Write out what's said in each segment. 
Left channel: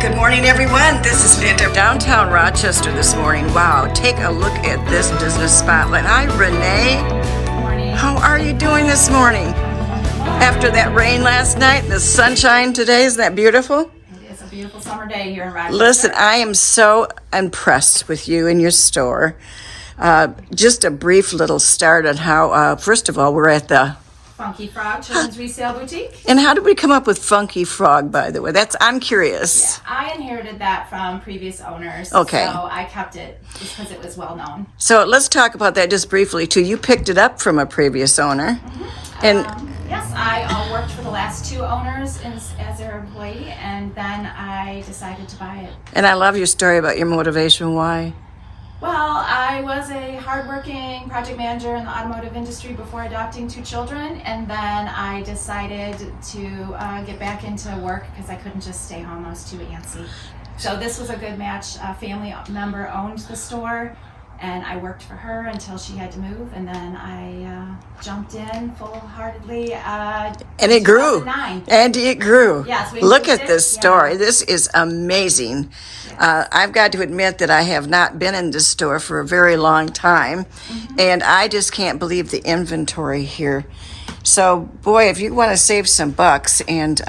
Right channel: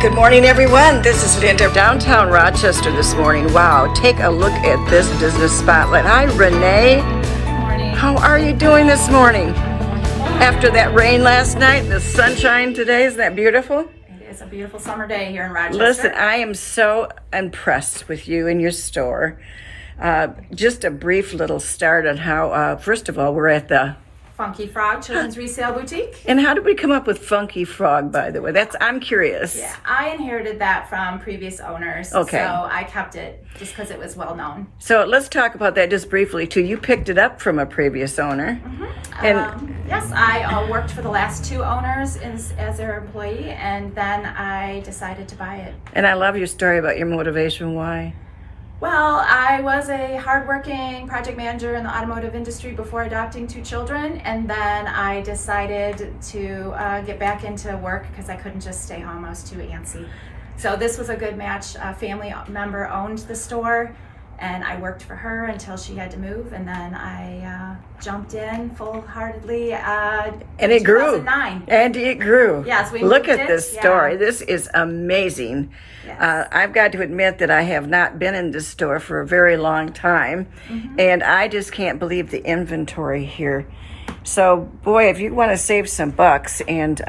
Good morning, everyone. This is Linda, downtown Rochester this morning. Wow, take a look at this business spotlight. Hi, Renee. Good morning. How are you doing this morning? After that rain last night, the sunshine today, isn't that beautiful? It is a beautiful summer day here in Rochester. Listen, I am so impressed with you and your store. Just a brief little start on how, first of all, we're at the Funky Frog Children's Resale Boutique. And how did we come up with Funky Frog, by the way? I'm curious. Yeah, I inherited that from previous owners. Okay. So I kept it just because it was well known. So let's talk about that just briefly, too. You picked it up from a previous owner. Mm-hmm. And yes, I worked for the last two owners as their employee, and then I decided to buy it. And I love your story about your motivation. Why? Well, I was a hardworking project manager in the automotive industry before adopting two children, and then I decided to get back into work because I couldn't just stay home. I was too antsy. So this was a good match. A family member owned the store, and I worked for her until she had to move, and then I jumped in full-heartedly. And it grew. 2009. And it grew. Yes, we Look moved at it. this story. Yeah. This is amazing. Yes. I've got to admit that I have not been in this store for a very long time, and I just can't believe the inventory here. So, boy, if you want to save some bucks and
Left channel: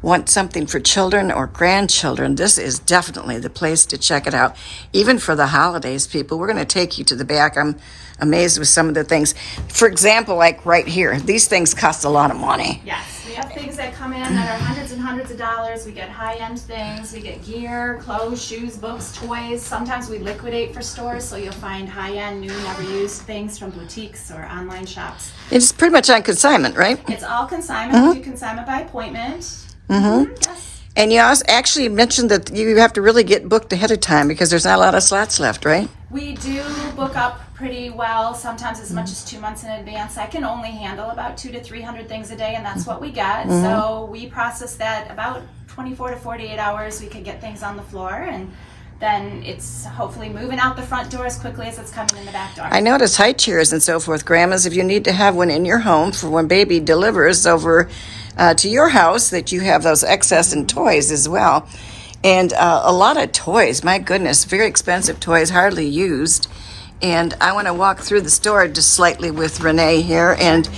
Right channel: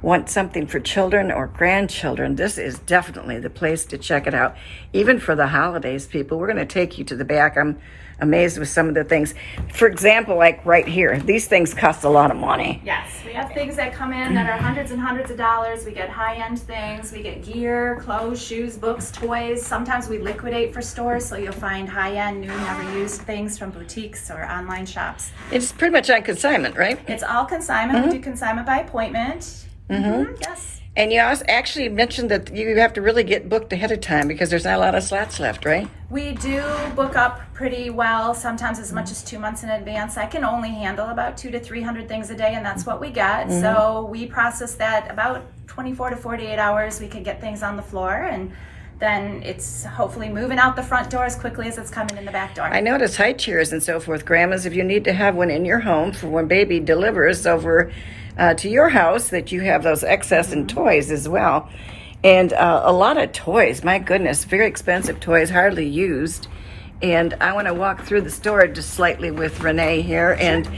want something for children or grandchildren, this is definitely the place to check it out. Even for the holidays, people, we're going to take you to the back. I'm amazed with some of the things. For example, like right here, these things cost a lot of money. Yes, we have things that come in that are hundreds and hundreds of dollars. We get high-end things. We get gear, clothes, shoes, books, toys. Sometimes we liquidate for stores, so you'll find high-end, new, never-used things from boutiques or online shops. It's pretty much on consignment, right? It's all consignment. We do consignment by appointment. Yes. And you also actually mentioned that you have to really get booked ahead of time because there's not a lot of slots left, right? We do book up pretty well, sometimes as much as 2 months in advance. I can only handle about 200 to 300 things a day, and that's what we get. So we process that about 24 to 48 hours. We can get things on the floor, and then it's hopefully moving out the front door as quickly as it's coming in the back door. I notice high chairs and so forth, grandmas, if you need to have one in your home for when baby delivers over to your house, that you have those excess and toys as well. And a lot of toys, my goodness, very expensive toys, hardly used. And I want to walk through the store just slightly with Renee here, and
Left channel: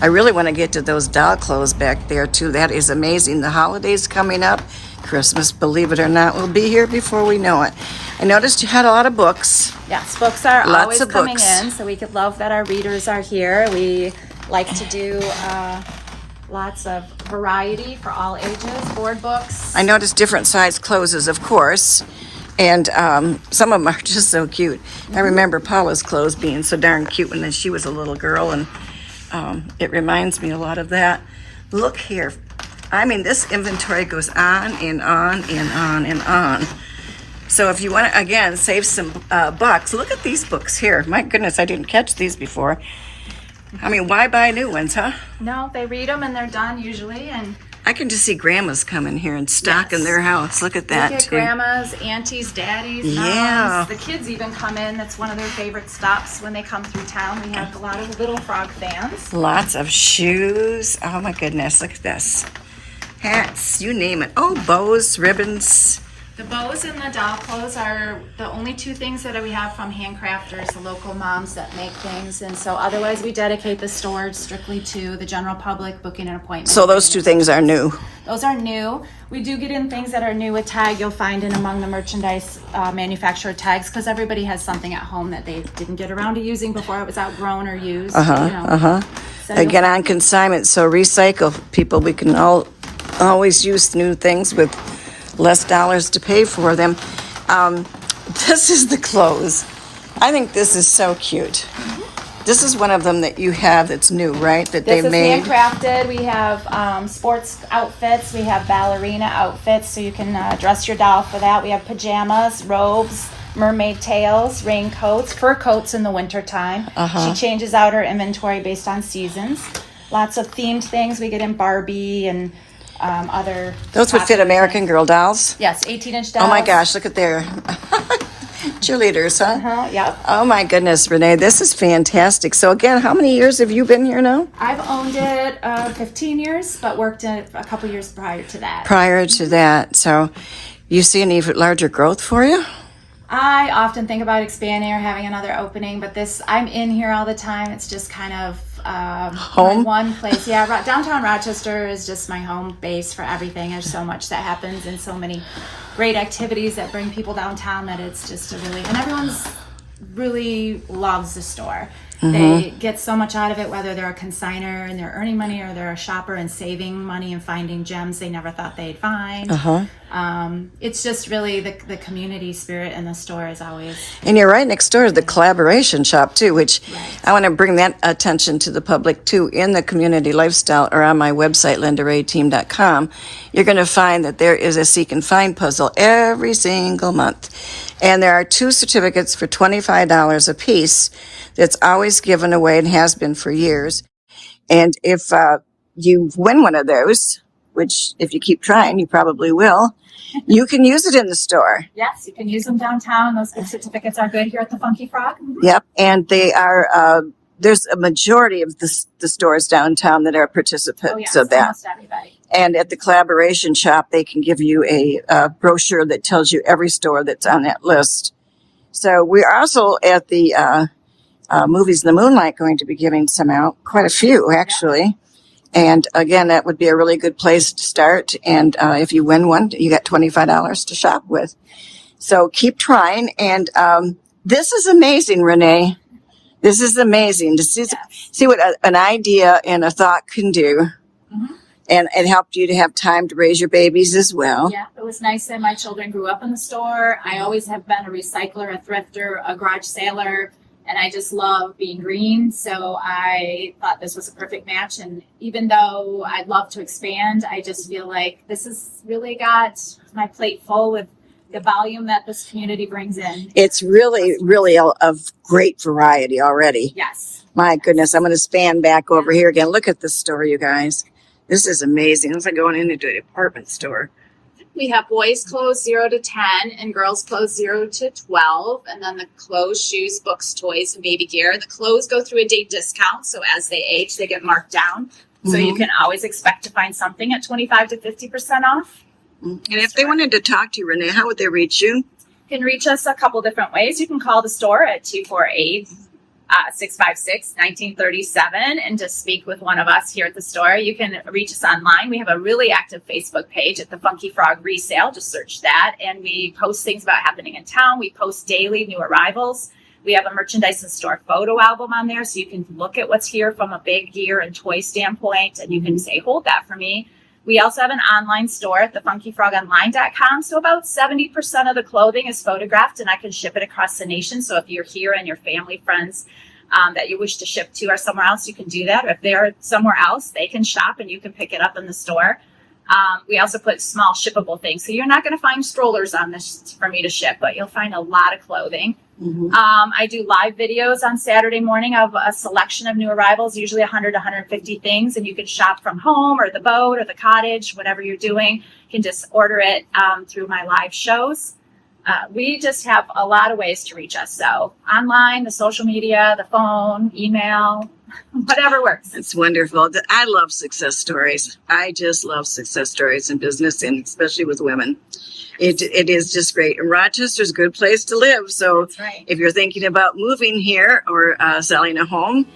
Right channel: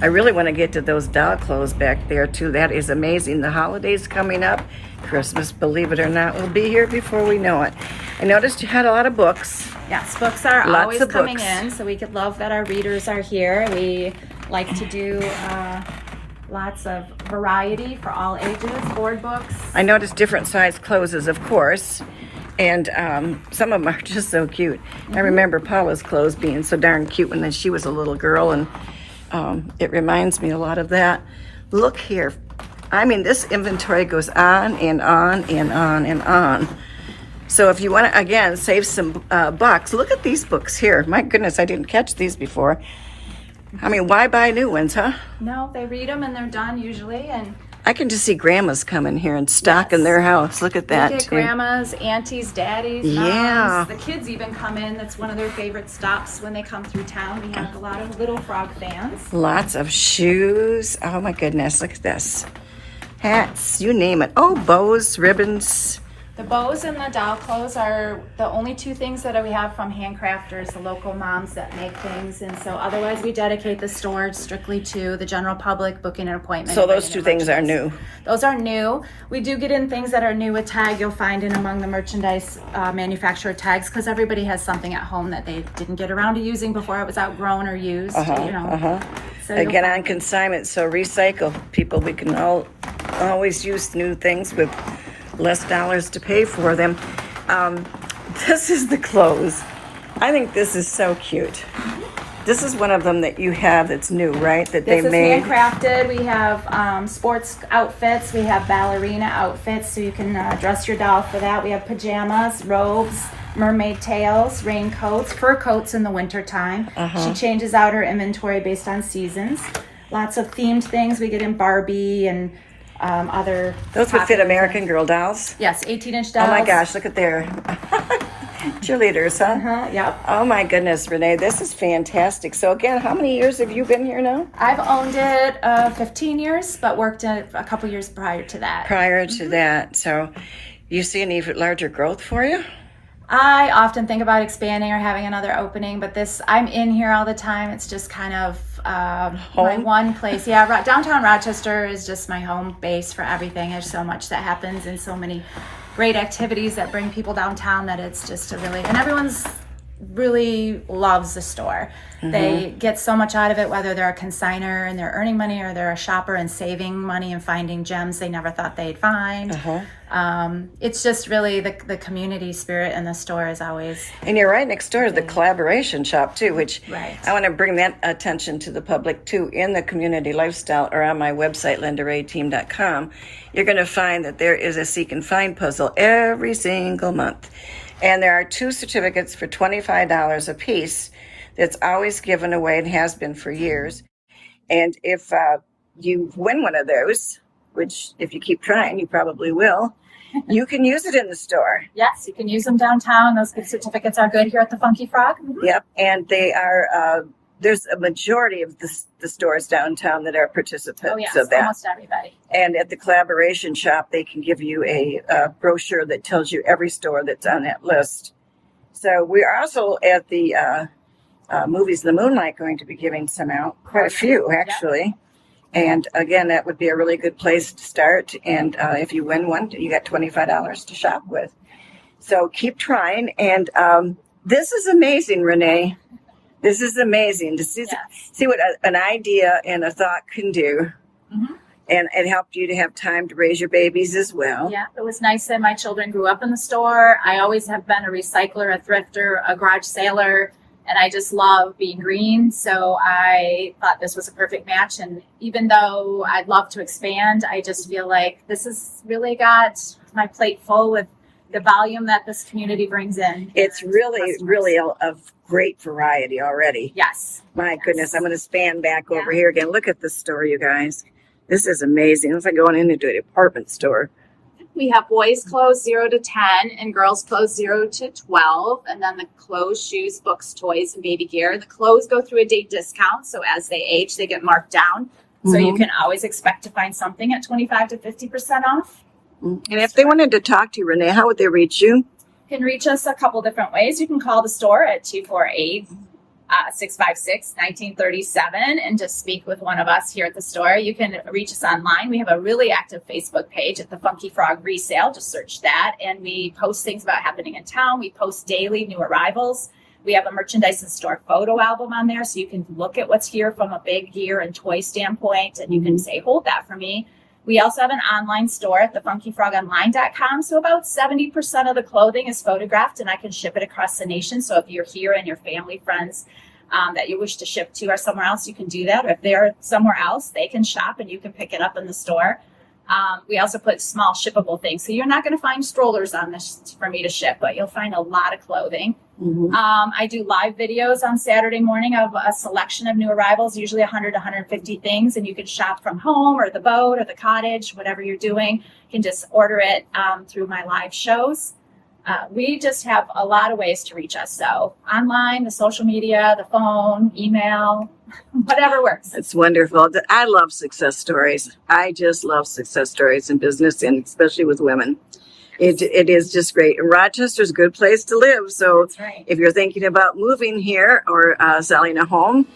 I really want to get to those doll clothes back there too. That is amazing. The holidays coming up, Christmas, believe it or not, will be here before we know it. I noticed you had a lot of books. Yes, books are Lots always of coming books. in, so we could love that our readers are here. We like to do lots of variety for all ages, board books. I noticed different size clothes, of course, and some of them are just so cute. I remember Paula's clothes being so darn cute when she was a little girl, and it reminds me a lot of that. Look here. I mean, this inventory goes on and on and on and on. So if you want to, again, save some bucks, look at these books here. My goodness, I didn't catch these before. I mean, why buy new ones, huh? No, they read them and they're done usually, and I can just see grandmas come in here and stock in their house. Look at that, we get too. grandmas, aunties, daddies, moms. Yeah. The kids even come in. That's one of their favorite stops when they come through town. We have a lot of Little Frog fans. Lots of shoes. Oh, my goodness. Look at this. Hats, you name it. Oh, bows, ribbons. The bows and the doll clothes are the only two things that we have from handcrafters, the local moms that make things. And so otherwise we dedicate the store strictly to the general public, booking an appointment. So those two things are new. Those are new. We do get in things that are new with tag. You'll find in among the merchandise manufacturer tags, because everybody has something at home that they didn't get around to using before it was outgrown or used. So Again, on consignment, so recycle, people. We can always use new things with less dollars to pay for them. This is the clothes. I think this is so cute. This is one of them that you have that's new, right? That This they is made. handcrafted. We have sports outfits. We have ballerina outfits, so you can dress your doll for that. We have pajamas, robes, mermaid tails, raincoats, fur coats in the wintertime. She changes out her inventory based on seasons. Lots of themed things. We get in Barbie and other. Those would fit American Girl dolls. Yes, 18-inch dolls. Oh my gosh, look at there. Cheerleaders, huh? Yeah. Oh my goodness, Renee, this is fantastic. So again, how many years have you been here now? I've owned it 15 years, but worked in it a couple years prior to that. Prior to that, so you see any larger growth for you? I often think about expanding or having another opening, but I'm in here all the time. It's just kind of my one place. Yeah, downtown Rochester is just my home base for everything. There's so much that happens and so many great activities that bring people downtown that it's just and everyone's really loves the store. They get so much out of it, whether they're a consignor and they're earning money or they're a shopper and saving money and finding gems they never thought they'd find. It's just really the community spirit in the store is always. And you're right next door to the collaboration shop too, which I want to bring that attention to the public too. In the community lifestyle or on my website, LindaReaTeam.com, you're going to find that there is a seek and find puzzle every single month. And there are 2 certificates for $25 a piece that's always given away and has been for years. And if you win one of those, which if you keep trying, you probably will, you can use it in the store. Yes, you can use them downtown. Those gift certificates are good here at the Funky Frog. Yep, and they are, there's a majority of the stores downtown that are participants of that. Almost everybody. And at the collaboration shop, they can give you a brochure that tells you every store that's on that list. So we're also at the Movies in the Moonlight going to be giving some out, quite a few actually. And again, that would be a really good place to start. And if you win one, you got $25 to shop with. So keep trying. And this is amazing, Renee. This is amazing to see what an idea and a thought can do. And it helped you to have time to raise your babies as well. Yeah, it was nice that my children grew up in the store. I always have been a recycler, a thrifter, a garage sailor, and I just love being green. So I thought this was a perfect match. And even though I'd love to expand, I just feel like this has really got my plate full with the volume that this community brings in. It's really of great variety already. Yes. My goodness, I'm going to span back over here again. Look at this store, you guys. This is amazing. It's like going into a department store. We have boys' clothes 0 to 10 and girls' clothes 0 to 12. And then the clothes, shoes, books, toys, and baby gear. The clothes go through a date discount. So as they age, they get marked down. So you can always expect to find something at 25 to 50% off. And if they wanted to talk to you, Renee, how would they reach you? You can reach us a couple different ways. You can call the store at 248-656-1937 and just speak with one of us here at the store. You can reach us online. We have a really active Facebook page at the Funky Frog Resale. Just search that. And we post things about happening in town. We post daily new arrivals. We have a merchandise and store photo album on there, so you can look at what's here from a big gear and toy standpoint, and you can say, hold that for me. We also have an online store at thefunkyfrogonline.com. So about 70% of the clothing is photographed, and I can ship it across the nation. So if you're here and your family, friends that you wish to ship to are somewhere else, you can do that. Or if they're somewhere else, they can shop and you can pick it up in the store. We also put small shippable things. So you're not going to find strollers on this for me to ship, but you'll find a lot of clothing. I do live videos on Saturday morning of a selection of new arrivals, usually 100 to 150 things, and you can shop from home or the boat or the cottage, whatever you're doing. You can just order it through my live shows. We just have a lot of ways to reach us. So online, the social media, the phone, email, whatever works. It's wonderful. I love success stories. I just love success stories in business, and especially with women. It is just great. And Rochester's a good place to live. So if you're thinking about moving here or selling a home,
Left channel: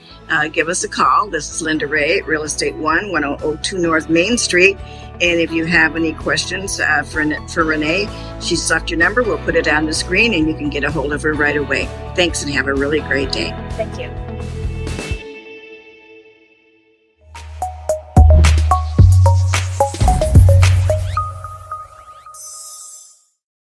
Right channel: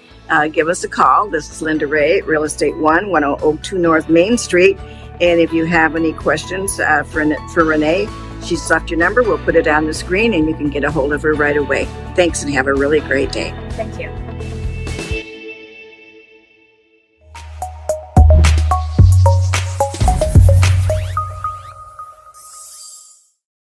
give us a call. This is Linda Rea, Real Estate 1002 North Main Street. And if you have any questions for Renee, she's left your number. We'll put it on the screen and you can get a hold of her right away. Thanks and have a really great day. Thank you.